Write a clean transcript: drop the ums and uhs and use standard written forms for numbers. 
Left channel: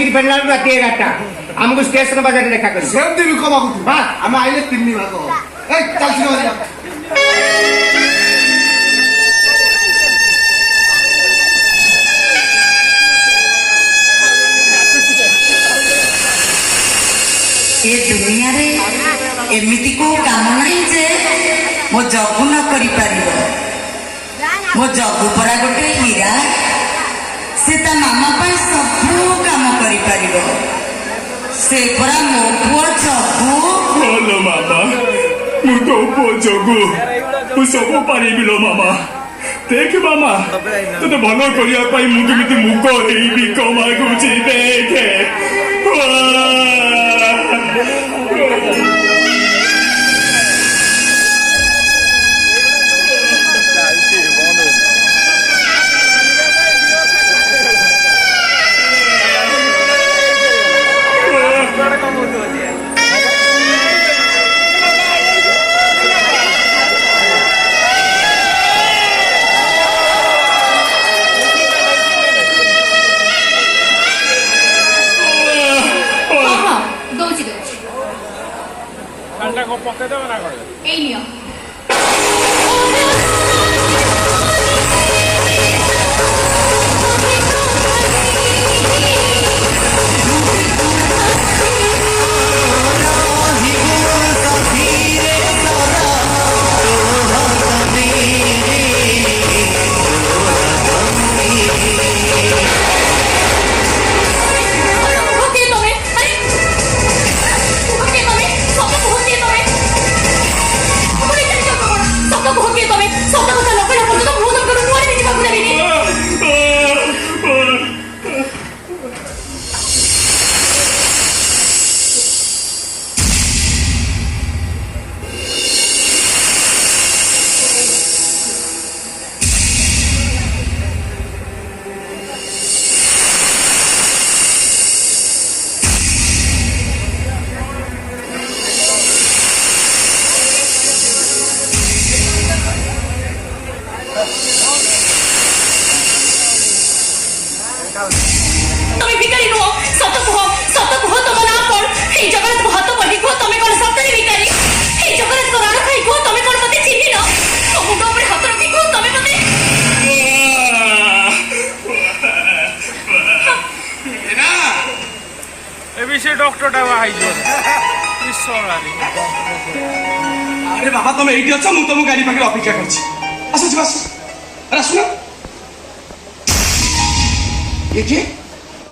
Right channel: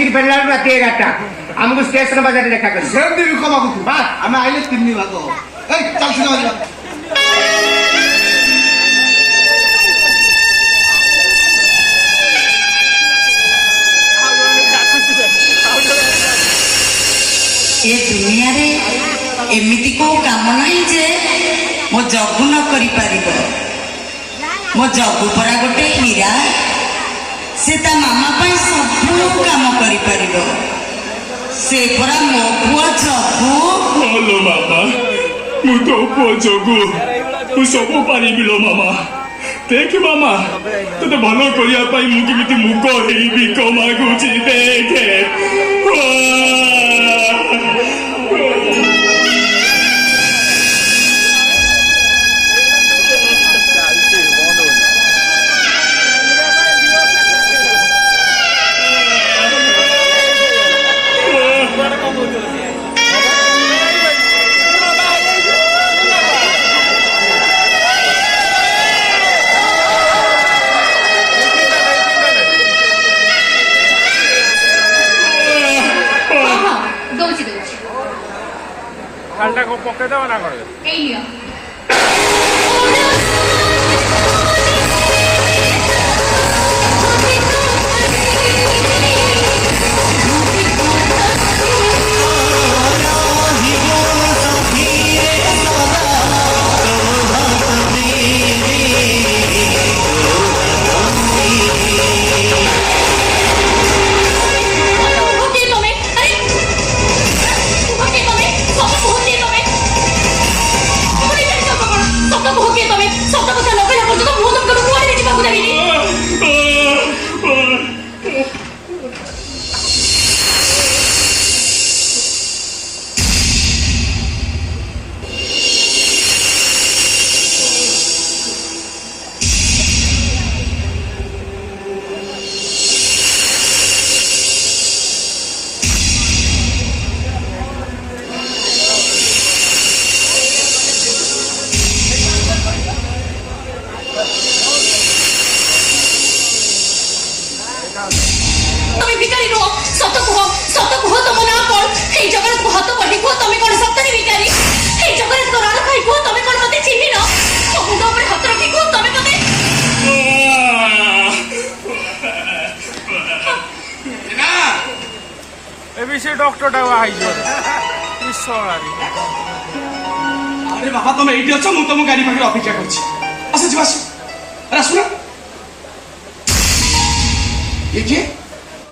खाई फेरला रात 11टा आमको स्टेशन बाजार देखा कर सेमती रुको मागुतु हाँ आम आइले 3 दिन आगो ए चल सिनेमा जा ए दुनिया रे एमिति को काम नहीं जे मो जगु न करि पारिबो मो जगु परा गोटे हीरा से ता मामा पाई सब काम करि पारिबो से परा मो पुओ जगु हेलो मामा मु तो पुओ जगु मु सब पारिबि लो मामा देख मामा तो भलो करिया पाई मु केमिति मुख हेइबि कमा गुछि देखे डॉक्टर अरे बाबा तुम एठी अछ मु तुम गाड़ी पाखे अपेक्षा करछि आस जी आस अरे सुन ये किए